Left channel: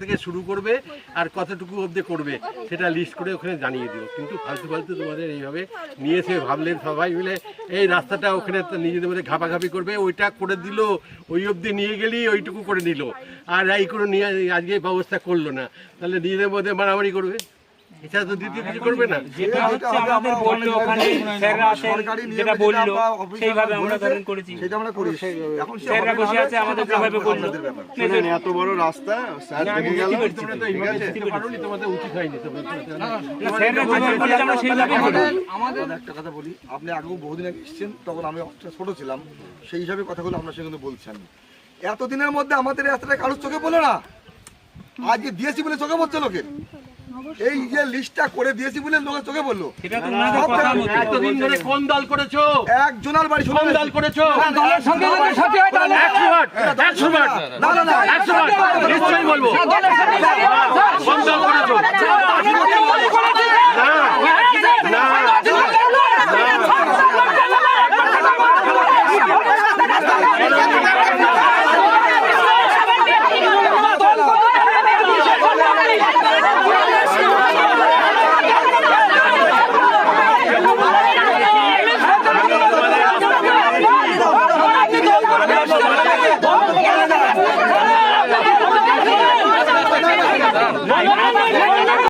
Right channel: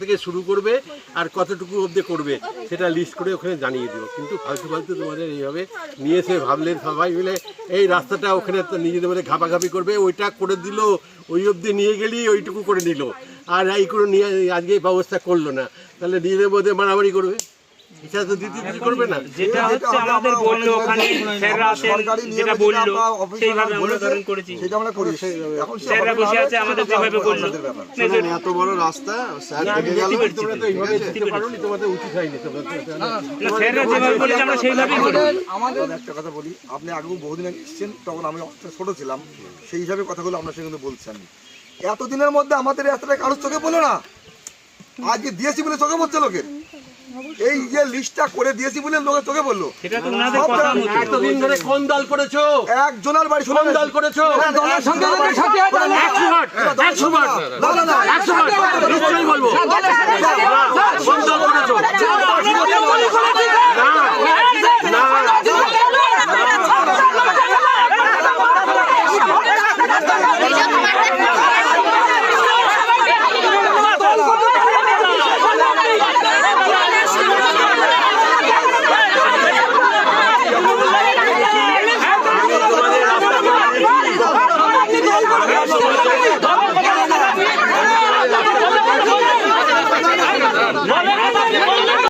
থেকে শুরু করবে আর কতটুকু অবধি করবে সেটা লিস্ট করে ওখানে জানিয়ে দিও। কিন্তু ফালতু ফালতু তোমাদের এইভাবে নিয়েছে ভাবলেন সবাই মিলে এই রাস্তাটা ওখানে নিজেদের মধ্যে ঘাপাঘাপি করবে, ওইটা করে দিল, ওই অবধি নিয়ে গেলি ওইটুকু করে নিল, আর এই করে নিয়ে আজকে ব্যবস্থা করলো না, তাহলে নিজেদের মধ্যে মারামারি করবে, এটা তো দ্বিতীয় কিছু করবে না। যেটা হচ্ছে আমাদের বললো ওখানে স্যাররা আছেন, যেটা বললো সেইভাবে আমরা ধারণ করেছি, সেটা আমরা করি। এখন স্যাররা বসে আছে আমাদের যেভাবে বললো, এত বড় রাস্তা স্যার দেখে গেল, তোমরা তো এইভাবে যেতে পারোনি, তোমাদের উচিত হয়নি। স্যাররা যেভাবে বলেছে আমরা সেইভাবেই করি। আমাদের একটা কথা বলি, আপনি আগেও বহুদিন আগে এসেছেন, তখন আমি ছোট ছিলাম, সেই হিসাবে কথাগুলো আপনার সঙ্গে কিন্তু বলছি। আমি এতদিনের মধ্যে আমাদের রাস্তাটা কারোর চোখে বলে না, আজকে দিয়েছি বলে চোখে পড়ছে লোকের। এই যে লিস্টটা করে দিয়েছি বলে লোকের চোখে বললো। এতদিন ধরে কোন দল করেছো? একজনের বাড়ি কোন দল করেছো? দলের সঙ্গে নিশ্চয়ই বলবো কোন দল করেছো? দল